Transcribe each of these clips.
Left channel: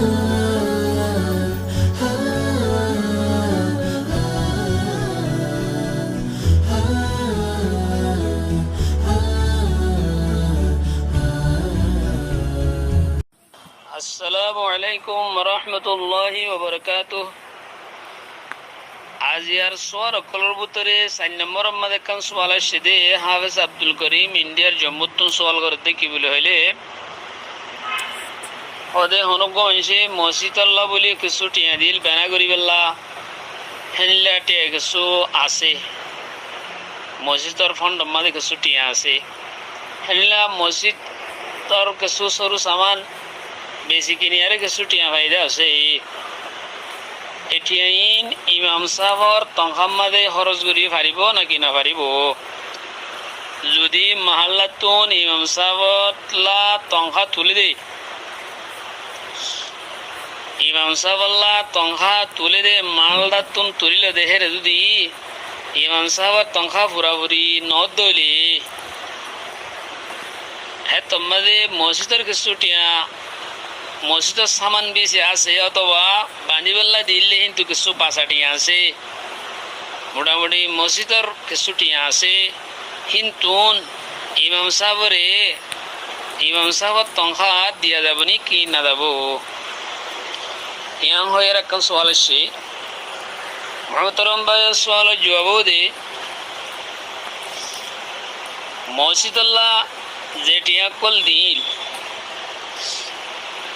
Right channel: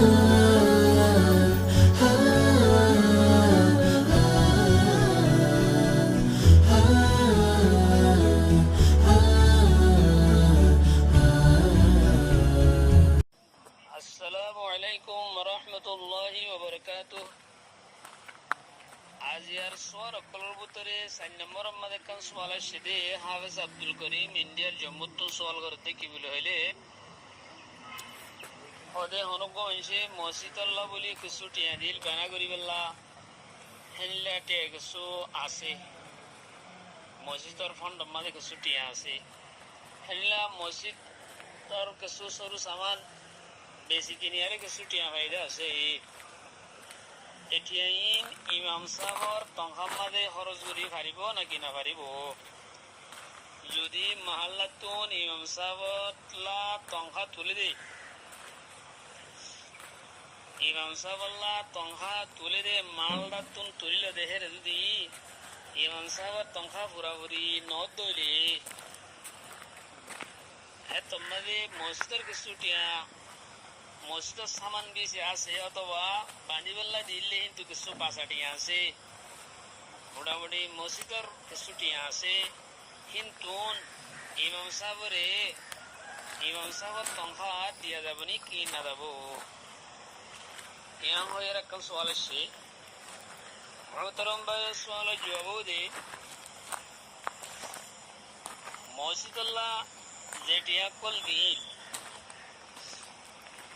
আসসালামু আলাইকুম রহমতুল্লাহি ওবরকাতুহ। আজ ইয়ার সোয়ার অকলর ভিতরে 4 নম্বর মধ্যে কান সওয়াল আসছে হাফেজ আব্দুল করিম ইন্ডিয়ার জম্মুতুন সওয়াল করতে কি বলে হইলে ওদে হনগঞ্জে মসজিদ আল্লাহ বলি কিছু টিয়া দিল বেনা করিবেল্লা হেনলা টিয়া কিছু আছে মসজিদর ফন্ড মধ্যে কিছু টিয়া আছে হেনলা মসজিদর কিছু সরু সামান বেশি কিনিয়ারে কিছু টিয়া ফায়দা আছে এটিয়াইন ইমাম সাহর তংখাম মাদে খরচ করি পারিব নাকি না পারিব। যদি মাহাল্লাতুন ইমাম সাহবলা তংখা তুলে দে ইমাম সাহবল্লা তংখা তুলে দে মালদাতুন তুলিলে দেহের যদি ইমাম সাহবর তংখা পুরাপুরি নদ দইলে হ্যাঁ তোমাদের মসজিদের কিছু টিয়া মসজিদের সামান বেশি আছে অথবা বান্দিবেল্লা দিল্লি কিন্তু কিছু পাঁচাটিয়া আছে মোটামুটি মসজিদের কিছু টিয়া আছে কিন্তু ইমাম সাহবর তংখা দিয়া যাব নি কি না যাব ইয়াং হয়ে রাখা সওয়াল আসছে মহতরম ভাই সওয়ালের জবাব দে মসজিদুল্লাহ যে টিয়া কল দিল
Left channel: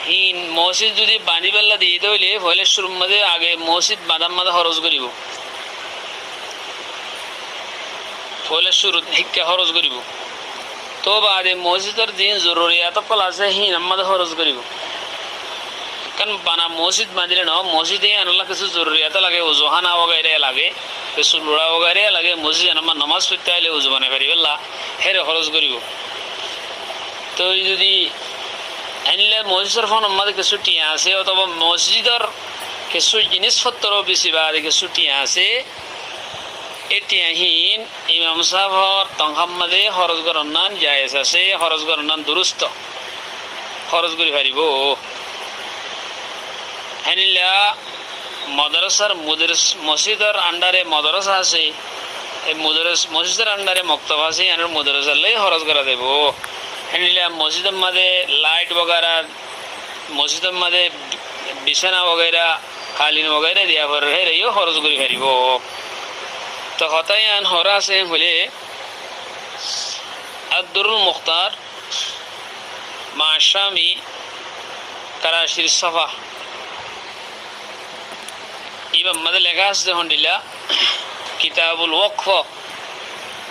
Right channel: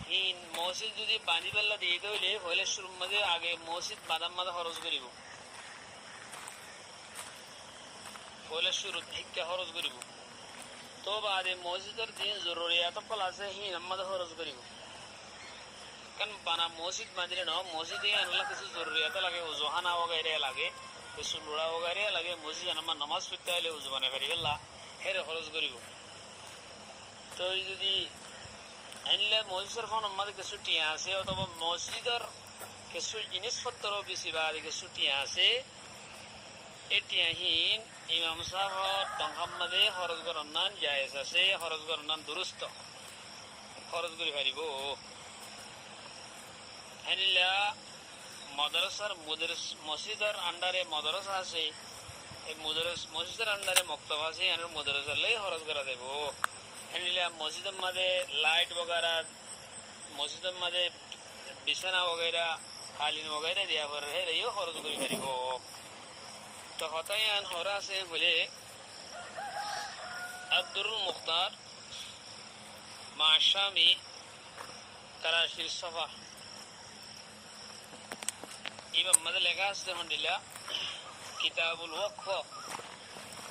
হিন মসজিদ যদি বানিবেল্লা দিয়ে দইলে হইলে শুরুর মধ্যে আগে মসজিদ বাদাম মাদা খরচ করিব হইলে শুরু শিক্ষা খরচ করিব তো বাদে মসজিদের দিন জরুরিয়াত কল আছে হিন আমাদের খরচ করিব কারণ বানা মসজিদ বাঁধিলে ন মসজিদে আনলা কিছু জরুরিয়াত লাগে ওজোহানা বগাইরে লাগে কিছু লোড়া বগাইরে লাগে মসজিদ আমার নামাজ পড়তে আইলে ওজো বানাই পারিবেল্লা হেরে খরচ করিব। তো যদি আনলে মসজিদের ফোন আমাদের কিছু টিয়া আছে অথবা মসজিদের কিছু জিনিসপত্র বেশি বাদে কিছু টিয়া আছে এই টিয়াহীন ইমাম সাহর তংখাম মাদে খরচ গণনান জায়েজ আছে খরচ গণনান দুরুস্ত খরচ করি পারিব। হেনিলা মাদ্রাসার মসজিদের আন্ডারে মাদ্রাসা আছে এই মসজিদের আন্ডারে মক্তব আছে এর মাদ্রাসার লাই খরচ করা দেব। হেনিলা মসজিদের মাঝে লাইট বগেরা মসজিদের মাঝে বিছানা বগেরা কালীন বগেরা দিয়া পরে হেরেও খরচ করি পারিব। তো হতাই আন হরা আছে হলে আব্দুল মুখতার মাশামি করাচির সফা ইমাম মাদে লেখা আছে হন্ডিলা কিতাবুল ওয়াকফ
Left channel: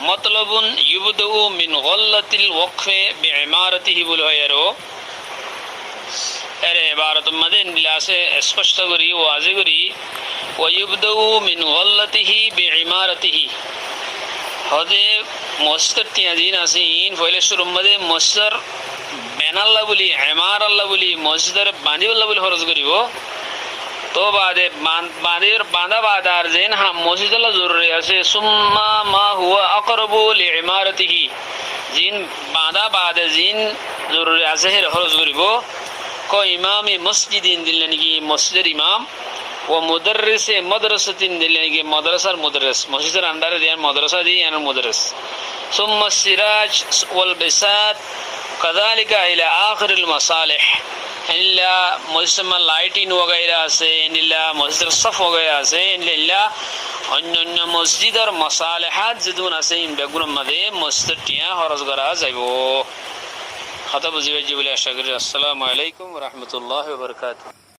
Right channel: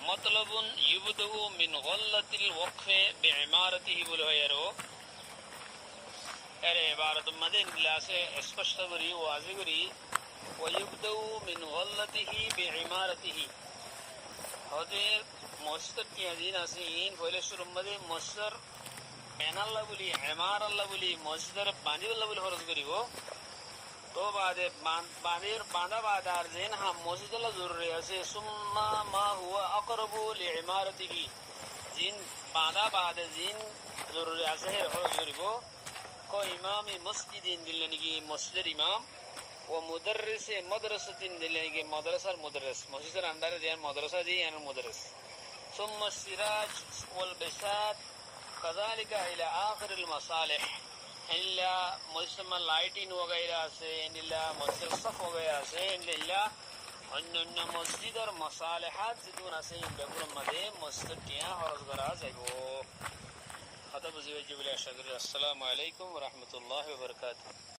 মতলবুন ইউবদু মিন গল্লাতিল ওয়াকফে বিইমারাতিহি বলে হয় আরো এর ইবারত মাদে নিলাসে স্পষ্ট করি ওয়াজি করি ওয়াইবদু মিন গল্লাতিহি বিইমারাতিহি হদে মসজিদ তিয়াদিন আসিন ফয়লে শুরু মাদে মসজিদ বেনাল্লাহ বলি ইমার আল্লাহ বলি মসজিদের বাঁধিবল্লাহ বলি খরচ করিব। তো বাদে বাঁধা বাদার যেন হ্যাঁ মসজিদুল্লাহ জরুরি আছে সুম্মা মা হুয়া আকরাবু লিইমারাতিহি জিন বাঁধা বাদে জিন জরুরি আছে হে খরচ করিব। ক ইমামে মসজিদিন দিলে নাকি মসজিদের ইমাম ও মুদাররিসে মাদ্রাসাতিন দিলে নাকি মাদ্রাসার মুদাররিস মসজিদের আন্ডারে দেন মাদ্রাসা দিয়ে এর মুদাররিস সুম্মা সিরাজ ওয়াল বিসাত কাযালিকা ইলা আখিরিল মাসালিহ ইল্লা মসজিদ লাইটিং वगैरह আছে ইল্লা মসজিদ সফ वगैरह আছে ইল্লা অন্যান্য মসজিদের মাসালিহাত যেগুলো আছে ইন বেগুন মধ্যে মসজিদ টিয়া খরচ করা যাইব। কথা বুঝিবে জি বলে আশা করি। আসসালামু আলাইকুম ওয়া রাহমাতুল্লাহি ওয়া বারাকাতুহু।